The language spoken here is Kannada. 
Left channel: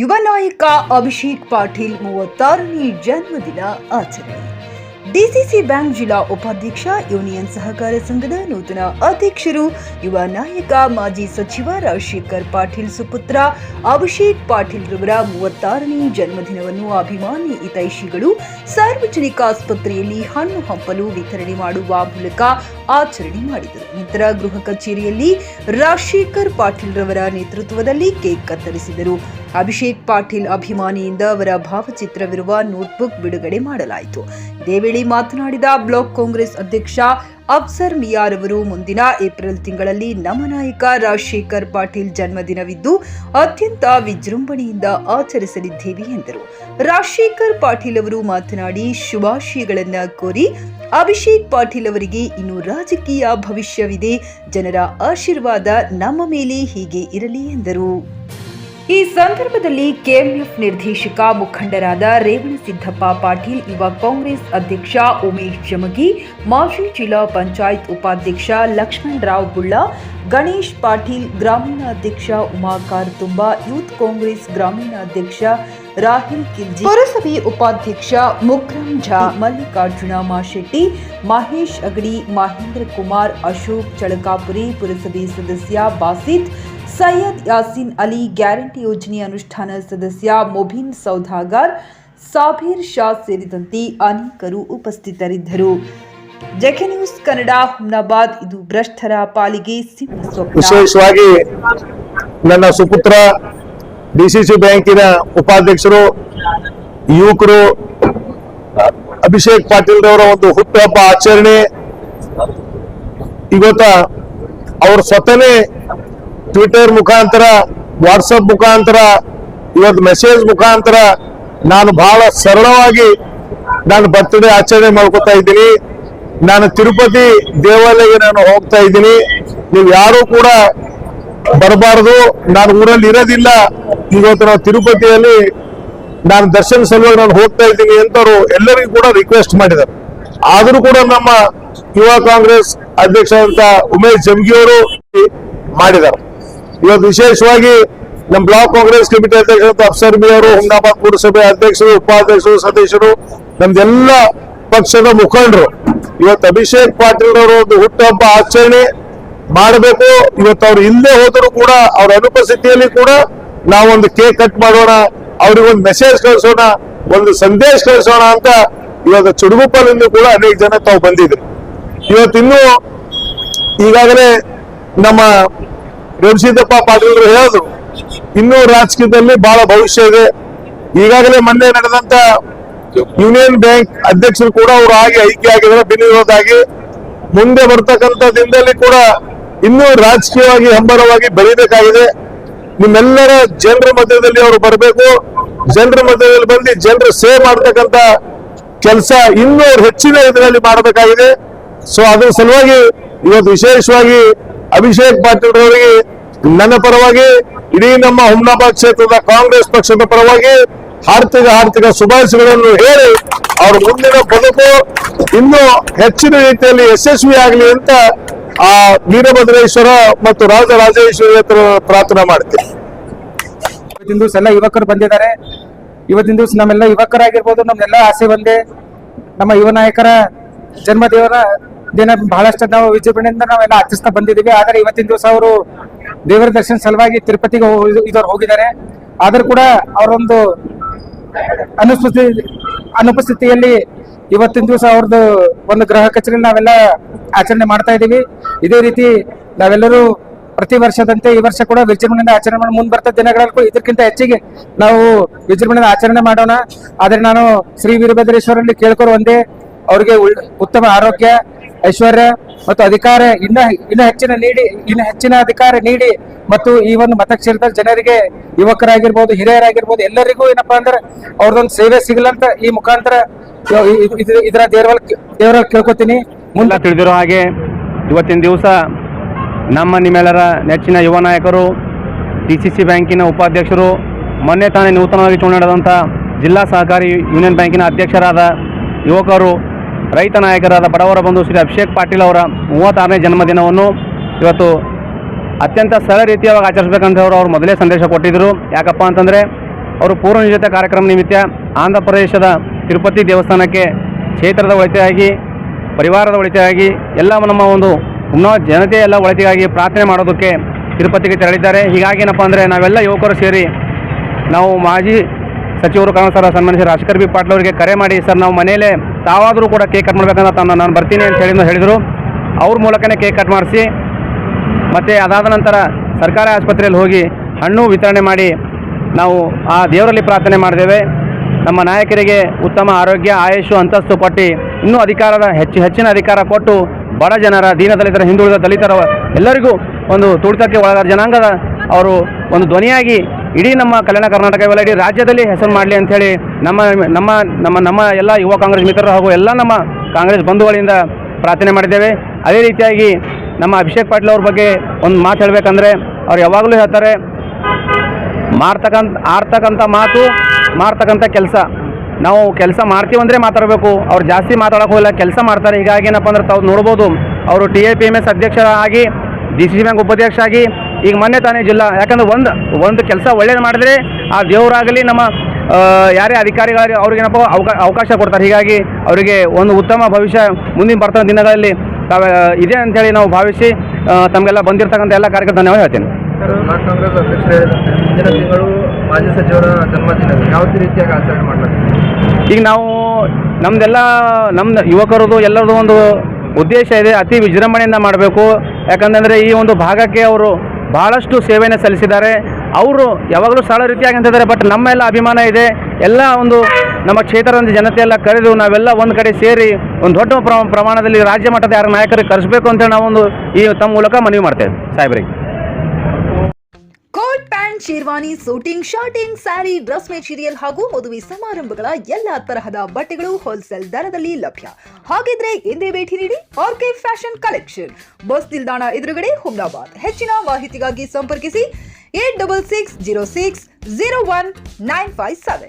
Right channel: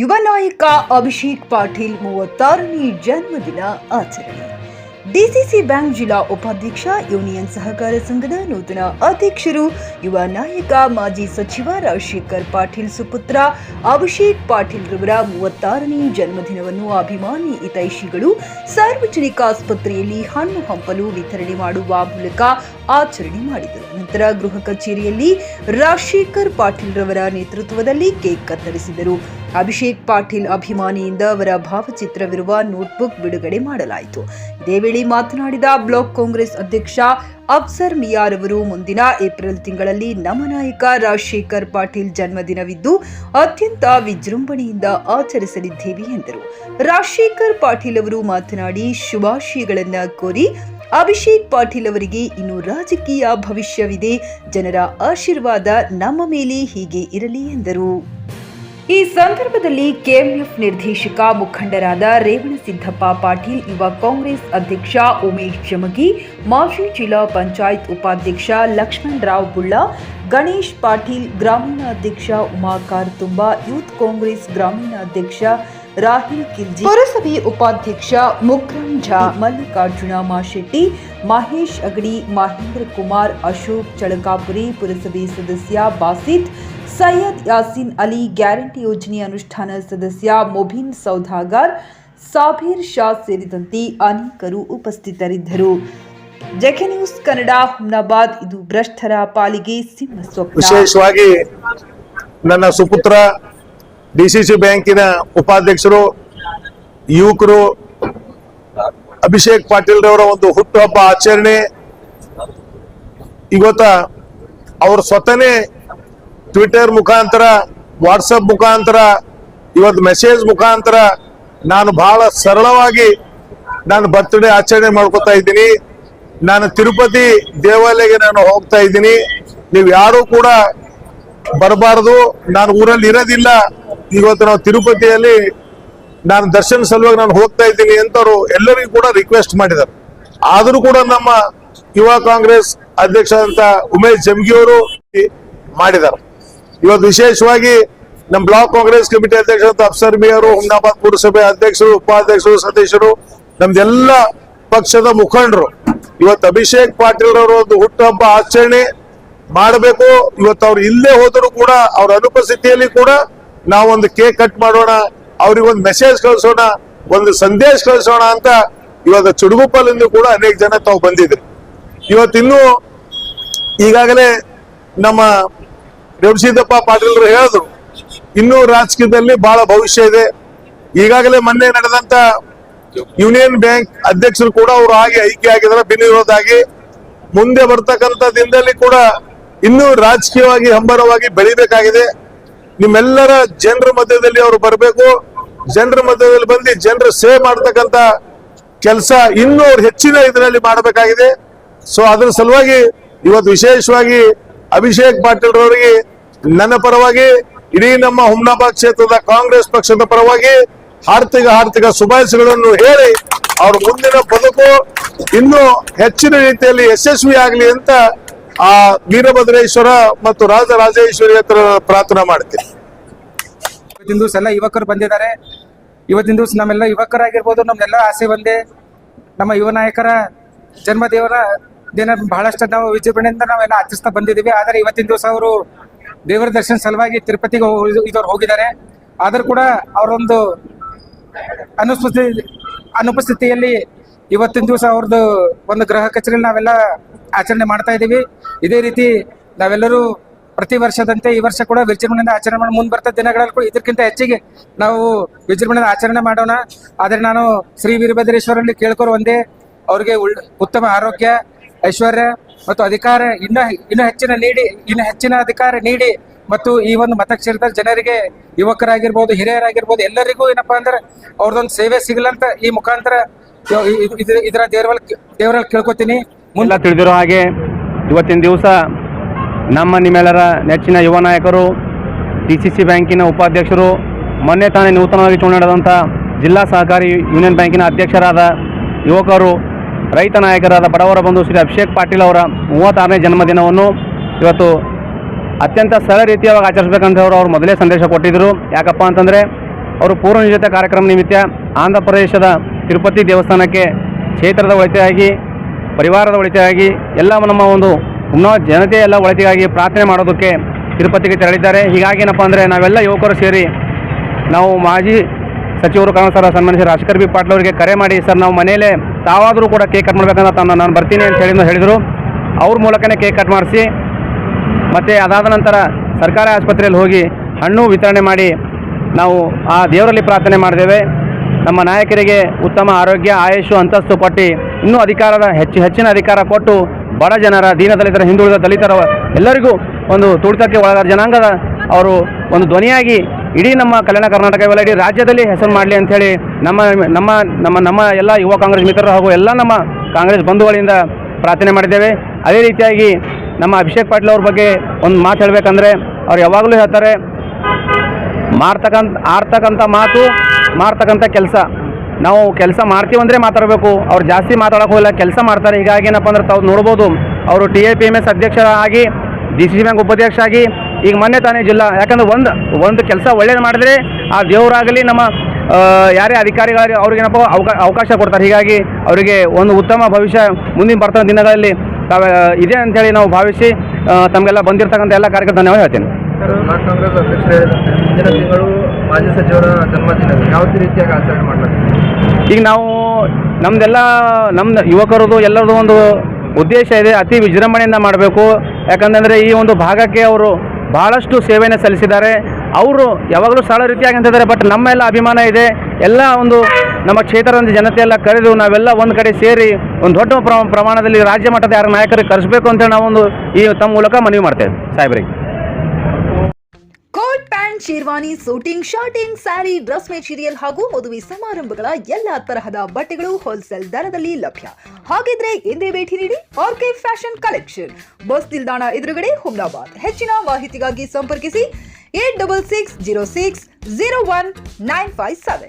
ಯುವ ನಾಯಕ ಅಭಿಷೇಕ್ ಪಾಟೀಲ್ 36ನೇ ಜನ್ಮದಿನ ಆಚರಣೆ. ಡಿಸಿಸಿ ಬ್ಯಾಂಕ್ ಜಿಲ್ಲಾ ಉಪಾಧ್ಯಕ್ಷ, ಯೂನಿಯನ್ ಸಹಕಾರ ಸಂಘದ ನೂತನ ಅಧ್ಯಕ್ಷರು, ಯುವ ನಾಯಕ ಮಾಜಿ ಸಚಿವ ರಾಜಶೇಖರ್ ಪಾಟೀಲ್ ಸುಪುತ್ರ ಅಭಿಷೇಕ್ ಪಾಟೀಲ್ ರವರ 36ನೇ ಜನ್ಮದಿನವನ್ನು ಅಭಿಮಾನಿ ಹಿತೈಷಿಗಳು ಸಾರ್ವಜನಿಕ ಆಸ್ಪತ್ರೆಯಲ್ಲಿ ಹಣ್ಣು ಹಂಪಲು ವಿತರಣೆ ಮಾಡುವ ಮೂಲಕ ಆಚರಣೆ ಮಾಡಿದರು. ನಂತರ ಗೃಹ ಕಚೇರಿಯಲ್ಲಿ ರಾಜಶೇಖರ್ ಪಾಟೀಲ್ ರವರ ನೇತೃತ್ವದಲ್ಲಿ ಕೇಕ್ ಕತ್ತರಿಸಿದರು. ಅಭಿಷೇಕ್ ಪಾಟೀಲ್ ಅಭಿಮಾನಿಯಿಂದ ಅವರ ಭಾವಚಿತ್ರವಿರುವ ನೋಟ್ಬುಕ್ ಬಿಡುಗಡೆ ಮಾಡಲಾಯಿತು. ಇದೇ ವೇಳೆ ಮಾತನಾಡಿದ ಬ್ಲಾಕ್ ಕಾಂಗ್ರೆಸ್ ಅಧ್ಯಕ್ಷ ಅಫ್ಸರ್ ಮಿಯಾರ್ ಅವರು, ಮುಂದಿನ ಏಪ್ರಿಲ್ ತಿಂಗಳಲ್ಲಿ ನಮ್ಮ ನಾಯಕ ರಾಜಶೇಖರ್ ಪಾಟೀಲ್ ಜನ್ಮದಿನವಿದ್ದು ಅತ್ಯಂತ ವಿಜೃಂಭಣೆಯಿಂದ ಆಚರಿಸಲಿದ್ದೇವೆ ಎಂದರು. ರಾಜಶೇಖರ್ ಪಾಟೀಲ್ ಅವರು ಮಾತನಾಡಿ ಶುಭಾಶಯಗಳನ್ನ ಕೋರಿ, ಅಭಿಷೇಕ್ ಪಾಟೀಲ್ ಅವರಿಗೆ ಇನ್ನೂ ರಾಜಕೀಯ ಭವಿಷ್ಯವಿದೆ, ಜನರ ಆಶೀರ್ವಾದ ನಮ್ಮ ಮೇಲೆ ಹೀಗೆ ಇರಲಿ ಎಂದರು. ಈ ಸಂದರ್ಭದಲ್ಲಿ ಕೆಎಂಎಫ್ ನಿರ್ದೇಶಕ ಮುಖಂಡರಾದ ರೇವಣಸಿದ್ದಪ್ಪ ಪಾಟೀಲ್, ಯುವ ಕಾಂಗ್ರೆಸ್ ಅಧ್ಯಕ್ಷ ಉಮೇಶ್ ಜಮಗಿ, ಮಾಜಿ ಜಿಲ್ಲಾ ಪಂಚಾಯತ್ ಉಪಾಧ್ಯಕ್ಷ ಲಕ್ಷ್ಮಣರಾವ್ ಬುಳ್ಳ, ಗಣೇಶ್ ಪಾಟೀಲ್, ಗ್ರಾಮೀಣ ಅಧ್ಯಕ್ಷ ಉಮಾಕಾರ್ ತುಂಬಾ, ಯೂತ್ ಕಾಂಗ್ರೆಸ್ ಗ್ರಾಮೀಣ ಅಧ್ಯಕ್ಷ ರಾಹಿಲ್ ಕಿಲ್ಜಿ, ಪುರಸಭೆ ಉಪಾಧ್ಯಕ್ಷ ಮುಕ್ರಮ್ ಝಾ, ಮಲ್ಲಿಕಾರ್ಜುನ ಮಾಶೆಟ್ಟಿ, ಮಹೇಶ್ ಅಗಡಿ, ಮಹೇಂದ್ರ ಕುಮಾರ್, ಅಶೋಕ್ ಚಳಕಾಪುರಿ, ಪುರಸಭೆ ಸದಸ್ಯ ಬಾಸಿತ್, ಸೈಯದ್ ಯಾಸೀನ್ ಅಲಿ, ಗ್ಯಾರಂಟಿ ಯೋಜನೆ ಅನುಷ್ಠಾನ ಸದಸ್ಯ ಮೊಬಿನ್ ಸೌದಾಗರ್, ಸಾಬೀರ್ ಶಾ ಸೇರಿದಂತೆ ಅನೇಕರು ಉಪಸ್ಥಿತರಿದ್ದರು. JK news Kannada, Humnabad. ಇದು ಭ್ರಷ್ಟರ ಪಾಲಿಗೆ ಸಿಂಹ ಸ್ವಪ್ನ. ವಿಶೇಷವಾಗಿ ನನ್ನ ಸುಪುತ್ರ ಡಿಸಿಸಿ ಬ್ಯಾಂಕಿನ ಉಪಾಧ್ಯಕ್ಷರು, ಯುವಕರು ಅಭಿಷೇಕ್ ಪಾಟೀಲ್ ರವರ ಒಂದು ಹುಟ್ಟುಹಬ್ಬ ಆಚರಣೆ. ಇವತ್ತ ಅವರು ಸ್ವತಃನೇ ಟ್ವಿಟರ್ ಮುಖಾಂತರ, ವಾಟ್ಸಪ್ ಮುಖಾಂತರ, ಇವತ್ತು ಮೆಸೇಜ್ ಮುಖಾಂತರ ನಾನು ಬಹಳ ಸರಳವಾಗಿ ನಾನು ಬರ್ತ್ಡೇ ಆಚರಣೆ ಮಾಡ್ಕೊತಾ ಇದ್ದೀನಿ. ನಾನು ತಿರುಪತಿ ದೇವಾಲಯಕ್ಕೆ ನಾನು ಹೋಗ್ತಾ ಇದ್ದೀನಿ, ನೀವು ಯಾರು ಕೂಡ ಬರಬಾರದು, ನಾನು ಊರಲ್ಲಿ ಇರೋದಿಲ್ಲ, ಇವತ್ತು ನಾವು ತಿರುಪತಿಯಲ್ಲಿ ನಾನು ದರ್ಶನ ಸಲುವಾಗಿ ನಾನು ಹೋಗ್ತಾ ಇದ್ದೀನಿ ಅಂತವರು ಎಲ್ಲರಿಗೂ ಕೂಡ ರಿಕ್ವೆಸ್ಟ್ ಮಾಡಿದ್ದಾರೆ. ಆದ್ರೂ ಕೂಡ ನಮ್ಮ ಯುವ ಕಾಂಗ್ರೆಸ್ ಅಧ್ಯಕ್ಷ ಅಂತ ಉಮೇಶ್ ಜಮಗಿ ಅವರು ಮಾಡಿದ್ದಾರೆ. ಇವತ್ತು ವಿಶೇಷವಾಗಿ ನಮ್ಮ ಬ್ಲಾಕ್ ಕಾಂಗ್ರೆಸ್ ಕಮಿಟಿ ಅಧ್ಯಕ್ಷ ಅಫ್ಸರ್ ಮಿಯಾರ್, ಹುಮ್ನಾಬಾದ್ ಪುರಸಭೆ ಅಧ್ಯಕ್ಷರು, ಉಪಾಧ್ಯಕ್ಷರು, ಸದಸ್ಯರು, ನಮ್ದೆಲ್ಲ ಪಕ್ಷದ ಮುಖಂಡರು ಇವತ್ತು ಅಭಿಷೇಕ್ ಪಾಟೀಲ್ ಅವರು ಒಂದು ಹುಟ್ಟುಹಬ್ಬ ಆಚರಣೆ ಮಾಡಬೇಕು. ಇವತ್ತು ಅವ್ರು ಇಲ್ಲೇ ಹೋದರೂ ಕೂಡ ಅವ್ರ ಅನುಪಸ್ಥಿತಿಯಲ್ಲಿ ಕೂಡ ನಾವೊಂದು ಕೇಕ್ ಕಟ್ ಮಾಡೋಣ, ಅವ್ರಿಗೆ ಒಂದು ಮೆಸೇಜ್ ಕಳಿಸೋಣ, ಒಂದು ಸಂದೇಶ ಕಳಿಸೋಣ ಅಂತ ಇವತ್ತು ಚುಡುಗುಪ್ಪಲಿಂದ ಕೂಡ ಅನೇಕ ಜನ ತಾವು ಬಂದಿದ್ರು. ಇವತ್ತಿನ್ನೂ ಈಗಾಗಲೇ ನಮ್ಮ ರೇವಣಸಿದ್ದಪ್ಪ ಪಾಟೀಲ್ ಹೇಳಿದ್ರು, ಇನ್ನೂ ರಾಜಕೀಯದಲ್ಲಿ ಬಹಳ ಭವಿಷ್ಯ ಇದೆ. ಈಗಾಗಲೇ ಮೊನ್ನೆ ನಡೆದಂತ ಯೂನಿಯನ್ ಬ್ಯಾಂಕ್ ಅಧ್ಯಕ್ಷರು ಕೂಡ ಅವರು ಆಗಿ ಆಯ್ಕೆ ಆಗಿದ್ದಾರೆ ಬಿನ್ವಿರೋಧಾಗಿ. ಮುಂದೆ ಬರ್ತಕ್ಕಂಥ ದಿನದಲ್ಲಿ ಕೂಡ ಇನ್ನೂ ರಾಜಕೀಯವಾಗಿ ಹಂಬರವಾಗಿ ಬೆಳಿಬೇಕಾಗಿದೆ. ನಿಮ್ಮೆಲ್ಲರ ಜನರ ಮಧ್ಯದಲ್ಲಿ ಅವರು ಬರಬೇಕು, ಜನರ ಮಧ್ಯದಲ್ಲಿ ಬಂದು ಜನರ ಸೇವೆ ಮಾಡತಕ್ಕಂತ ಕೆಲಸ ಇನ್ನೂ ಹೆಚ್ಚಿನ ಇದರಲ್ಲಿ ಮಾಡಬೇಕಾಗಿದೆ. ಸೊ ಅದ್ರ ಸಲುವಾಗಿ ಇವತ್ತು ವಿಶೇಷವಾಗಿ ಅಭಿಷೇಕ್ ಪಾಟೀಲ್ ಅವರಿಗೆ ನನ್ನ ಪರವಾಗಿ, ಇಡೀ ನಮ್ಮ ಹುಮ್ನಾಬಾದ್ ಕ್ಷೇತ್ರದ ಕಾಂಗ್ರೆಸ್ ಪಕ್ಷದ ಪರವಾಗಿ ಆರ್ಥಿಕ ಶುಭಾಶಯಗಳನ್ನು ಹೇಳಿ ಅವ್ರ ಮುಂದಿನ ಬದುಕು ಇನ್ನೂ ಹೆಚ್ಚಿನ ರೀತಿಯಲ್ಲಿ ಯಶಸ್ವಿ ಆಗಲಿ ಅಂತ ಆ ವೀರಭದ್ರೇಶ್ವರ ಮತ್ತು ರಾಜರಾಜೇಶ್ವರಿ ಹತ್ರ ಪ್ರಾರ್ಥನೆ ಮಾಡ್ತೀನಿ. ಇವತ್ತಿನ ದಿವಸ ಎಲ್ಲ ಯುವಕರು ಬಂದಿದ್ದಾರೆ. ಇವತ್ತಿನ ದಿವಸ ನಮ್ಮೆಲ್ಲ ಯುವಕರಾಗಿರ್ಬೋದು, ನಮ್ಮೆಲ್ಲ ಆಸೆ ಒಂದೇ, ನಮ್ಮ ಯುವ ನಾಯಕರ ಜನ್ಮದೇವರ ದಿನ ಬಹಳಷ್ಟು ನಾವು ವಿಜೃಂಭಣೆಯಿಂದ ನಾವೆಲ್ಲ ಆಚರಿಸ್ತಾ ಬಂದಿದ್ದೀವಿ. ಆದರೆ ಇವತ್ತಿನ ದಿವಸ ಅವರು ದೇವರ ದರ್ಶನ ಸಲುವಾಗಿ ತಿರುಪತಿಗೆ ಹೋಗಿದ್ದಾರೆ. ಆದ್ರೂ ಕೂಡ ಅವರೊಂದು ಅನುಪಸ್ಥಿತಿಯಲ್ಲಿ ಇವತ್ತಿನ ದಿವಸ ಅವ್ರದ್ದು ಒಂದು ಗೃಹ ಕಚೇರಿ ನಾವೆಲ್ಲ ಆಚರಣೆ ಮಾಡ್ತಾ ಇದ್ದೀವಿ. ಇದೇ ರೀತಿ ನಾವೆಲ್ಲರೂ ಪ್ರತಿ ವರ್ಷದಂತೆ ಈ ವರ್ಷ ಕೂಡ ವಿಜೃಂಭಣೆಯಿಂದ ಆಚರಣೆ ಮಾಡಿ ಮುಂದೆ ಬರ್ತಾ ದಿನಗಳಲ್ಲಿ ಇದಕ್ಕಿಂತ ಹೆಚ್ಚಿಗೆ ನಾವು ವಿಜೃಂಭಣೆಯಿಂದ ಆಚರಣೆ ಮಾಡೋಣ. ಆದ್ರೆ ನಾನು ಶ್ರೀ ವೀರಭದ್ರೇಶ್ವರಲ್ಲಿ ಕೇಳ್ಕೊಳ್ಳೋ ಒಂದೇ, ಅವ್ರಿಗೆ ಉತ್ತಮ ಆರೋಗ್ಯ, ಐಶ್ವರ್ಯ ಮತ್ತು ಅಧಿಕಾರ ಇನ್ನು ಹೆಚ್ಚಿನ ಅಧಿಕಾರ ನೀಡಿ ಮತ್ತು ಈ ಒಂದು ಮತಕ್ಷೇತ್ರದ ಜನರಿಗೆ, ಯುವಕರಾಗಿರ್ಬೋದು, ಹಿರಿಯರಾಗಿರ್ಬೋದು, ಎಲ್ಲರಿಗೂ ಏನಪ್ಪಾ ಅಂದ್ರೆ ಅವ್ರದೊಂದು ಸೇವೆ ಸಿಗಲಂತ ಈ ಮುಖಾಂತರ ಇದರ ದೇವರ ಕೇಳ್ಕೊತೀನಿ. ಎಲ್ಲ ತಿಳಿದಿರೋ ಹಾಗೆ ಇವತ್ತಿನ ದಿವಸ ನಮ್ಮ ನಿಮ್ಮೆಲ್ಲರ ನೆಚ್ಚಿನ ಯುವ ನಾಯಕರು, ಡಿಸಿಸಿ ಬ್ಯಾಂಕಿನ ಉಪಾಧ್ಯಕ್ಷರು, ಮೊನ್ನೆ ತಾನೇ ನೂತನವಾಗಿ ಚುನಾವಣೆಯಾದಂಥ ಜಿಲ್ಲಾ ಸಹಕಾರಿ ಯೂನಿಯನ್ ಬ್ಯಾಂಕಿನ ಅಧ್ಯಕ್ಷರಾದ ಯುವಕರು, ರೈತ ನಾಯಕರಾದ ಬಡವರ ಬಂಧು ಶ್ರೀ ಅಭಿಷೇಕ್ ಪಾಟೀಲ್ ಅವರ 36ನೇ ಜನ್ಮದಿನವನ್ನು ಇವತ್ತು ಅತ್ಯಂತ ಸರಳ ರೀತಿಯಾಗಿ ಆಚರಿಸಬೇಕಂತ ಅವರು ಮೊದಲೇ ಸಂದೇಶ ಕೊಟ್ಟಿದ್ದರು. ಯಾಕಪ್ಪ ಅಂತಂದರೆ ಅವರು ಪೂರ್ವ ನಿಯೋಜಿತ ಕಾರ್ಯಕ್ರಮ ನಿಮಿತ್ತ ಆಂಧ್ರ ಪ್ರದೇಶದ ತಿರುಪತಿ ದೇವಸ್ಥಾನಕ್ಕೆ ಕ್ಷೇತ್ರದ ಒಳಿತಿಗಾಗಿ, ಪರಿವಾರದ ಒಳಿತಿಗಾಗಿ, ಎಲ್ಲ ನಮ್ಮ ಒಂದು ಜನತೆಯ ಎಲ್ಲ ಒಳಿತಿಗಾಗಿ ಪ್ರಾರ್ಥನೆ ಮಾಡೋದಕ್ಕೆ ತಿರುಪತಿಗೆ ತೆರಳಿದ್ದಾರೆ. ಹೀಗಾಗಿ ಏನಪ್ಪ ಅಂದರೆ ನಾವೆಲ್ಲ ಯುವಕರು ಸೇರಿ ನಾವು ಮಾಜಿ ಸಚಿವರು ಕಾಂಗ್ರೆಸ್ ಸನ್ಮಾನಿಸಿದ ರಾಜಶೇಖರ್ ಬಿ ಪಾಟೀಲ್ ಅವರಿಗೆ ಕರೆ ಮಾಡಿ, ಸರ್ ನಾವು ಮನೆಯಲ್ಲೇ ತಾವಾದರೂ ಕೂಡ ಕೇಕ್ ಕಟ್ ಮಾಡಬೇಕಂತ ನಾನು ಬರ್ತೀನಿ ಅಂತ ಹೇಳಿದರು. ಅವ್ರ ಮೂಲಕನೇ ಕೇಕ್ ಕಟ್ ಮಾಡಿಸಿ ಮತ್ತು ಅದಾದ ನಂತರ ಸರ್ಕಾರಿ ಆಸ್ಪತ್ರೆಯಲ್ಲಿ ಹೋಗಿ ಹಣ್ಣು ವಿತರಣೆ ಮಾಡಿ ನಾವು ಆ ದೇವರಲ್ಲಿ ಪ್ರಾರ್ಥನೆ ಮಾಡಿದ್ದೇವೆ. ನಮ್ಮ ನಾಯಕರಿಗೆ ಉತ್ತಮ ಆರೋಗ್ಯ, ಆಯುಷು, ಅಂತಸ್ತು ಕೊಟ್ಟು ಇನ್ನೂ ಹೆಚ್ಚಿನ ಅಧಿಕಾರ ಕೊಟ್ಟು ಬಡ ಜನರ, ದೀನದಲಿತರ, ಹಿಂದುಳಿದ ದಲಿತರ ಎಲ್ಲರಿಗೂ ಒಂದು ತುಳಿತಕ್ಕೆ ಒಳಗಾದ ಜನಾಂಗದ ಅವರು ಒಂದು ಧ್ವನಿಯಾಗಿ ಇಡೀ ನಮ್ಮ ಕಲ್ಯಾಣ ಕರ್ನಾಟಕವೆಲ್ಲ ಇಡೀ ರಾಜ್ಯದಲ್ಲಿ ಹೆಸರು ಮಾಡಲಿ ಅಂಥೇಳಿ ನಮ್ಮ ಎಲ್ಲ ಯುವ ಕಾಂಗ್ರೆಸ್ ಮಿತ್ರರು ಹಾಗೂ ಎಲ್ಲ ನಮ್ಮ ಕಾಂಗ್ರೆಸ್ ಬಂಧುಗಳಿಂದ ಪ್ರಾರ್ಥನೆ ಮಾಡಿದ್ದೇವೆ. ಅದೇ ರೀತಿಯಾಗಿ ನಮ್ಮ ಅಭಿಷೇಕ್ ಪಾಟೀಲ್ ಅವ್ರ ಬಗ್ಗೆ ಒಂದು ಮಾತು ಹೇಳಬೇಕಂದ್ರೆ, ಅವ್ರು ಯಾವಾಗಲೂ ಹೇಳ್ತಾರೆ, ಆಡ್ತಕ್ಕಂಥ ಮಾತು, ಮಾಡ್ತಕ್ಕಂಥ ಕೆಲಸ. ನಾವು ಕೆಲಸ ಮಾಡ್ತೀವಂದರೆ ಮಾತಾಡಬೇಕು, ಅವ್ರು ಜಾಸ್ತಿ ಮಾತಾಡೋಕೆ ಹೋಗಿಲ್ಲ, ಕೆಲಸ ಮಾಡ್ತಾರೆ. ಹೀಗಾಗಿ ಏನಪ್ಪ ಅಂದ್ರೆ ತಾವು ನೋಡ್ಬೋದು, ಅವರು TIPMS ಅಧ್ಯಕ್ಷರಾಗಿ, DCC ಬ್ಯಾಂಕ್ ಉಪಾಧ್ಯಕ್ಷ ಆಗಿ, ಈಗ ಮೊನ್ನೆ ತಾನೇ ಜಿಲ್ಲಾ, ಯಾಕಂದ್ರೆ ಒಂದು ಕೆಲಸ ಒಳ್ಳೇದು ಮಾಡಿದ್ರೆ ಆ ದೇವರಾಗಲಿ ನಮ್ಮ ಯಾರೇ ಅಧಿಕಾರಿಗಳಿಗೆ ಅವ್ರಿಗೇನಪ್ಪ ಅವಕಾಶ ಕೊಡ್ತಾರೆ. ಹೀಗಾಗಿ ಅವರಿಗೆ ಒಂದು ಉತ್ತಮ ಭವಿಷ್ಯ ಮುಂದಿನ ಬರ್ತಕ್ಕಂಥ ದಿನಗಳಲ್ಲಿ ಇದೆ ಅಂಥೇಳಿ ನಾವು ಭಾವಿಸಿ ತಮಗೆಲ್ಲ ಬಂದಿರತಕ್ಕಂಥ ಎಲ್ಲ ಕಾರ್ಯಕ್ರಮ ಧನ್ಯವಾದ ಹೇಳ್ತೇನೆ. ಬ್ಲಾಕ್ ಕಾಂಗ್ರೆಸ್ ಅಧ್ಯಕ್ಷರೇ, ಮುಂದಿನ ತಿಂಗಳು ಮಾಜಿ ಸಚಿವರ ಜನ್ಮದಿನ ಯಾವ ರೀತಿಯಾಗಿ ಆಚರಣೆ ಮಾಡಲಾಗಿದೆ? ಈಗ ನಾವು ನಮ್ದು ಯುವಕರದು ಎಲ್ಲರದು ಒಂದು ಉದ್ದೇಶ ಇದೆ, ಅತಿ ವಿಜೃಂಭಣೆಯಿಂದ ಮಾಡಬೇಕು. ಯಾಕಂದರೆ ಈ ಒಂದು ಭಾಗಕ್ಕೆ ಅವರು ಭಾಳಷ್ಟು ಸೇವೆಯನ್ನು ಸಲ್ಲಿಸಿದ್ದಾರೆ. ಅವರು ಯಾವಾಗಲೂ ಸರಳ ರೀತಿಯಾಗಿ ಅಂತಿದ್ದಾರೆ. ಬಟ್ ನಮ್ಮೆಲ್ಲ ಅಭಿಮಾನ ಇದೆ, ಎಲ್ಲ ಒಂದು ನಮ್ಮ ಕ್ಷೇತ್ರದ ಜನತೆಯೆಲ್ಲ ಕರೆದು ನಾವೆಲ್ಲ ಒಂದು ಕಡೆ ಸೇರಿ ಒಂದು ದೊಡ್ಡ ಪ್ರಮಾಣದಲ್ಲಿ ರಾಜ್ಯ ಮಟ್ಟದ ಯಾರ ನಾಯಕರಿಗೆ ಕರೆಸಬೇಕು ಅಂತೇಳಿ ನಾವೊಂದು ಈ ತಮ್ಮ ಮೂಲಕ ಮನವಿ ಮಾಡ್ತೇವೆ ಸಾಹೇಬರಿಗೆ. Coat pant, sherwani, suiting, shirting, sari, dress material ಹಾಗೂ ಮದುವೆ ಸಮಾರಂಭಗಳ ಎಲ್ಲಾ ತರಹದ ಬಟ್ಟೆಗಳು ಹೋಲ್ಸೇಲ್ ದರದಲ್ಲಿ ಲಭ್ಯ. ಹಾಗಿದ್ರೆ ಎಂದೇ ಭೇಟಿ ನೀಡಿ RK ಫ್ಯಾಷನ್ ಕಲೆಕ್ಷನ್, ಬಸ್ ನಿಲ್ದಾಣ ಎದುರುಗಡೆ, ಹುಮ್ನಾಬಾದ್. ಹೆಚ್ಚಿನ ಮಾಹಿತಿಗಾಗಿ ಸಂಪರ್ಕಿಸಿ 8660601957.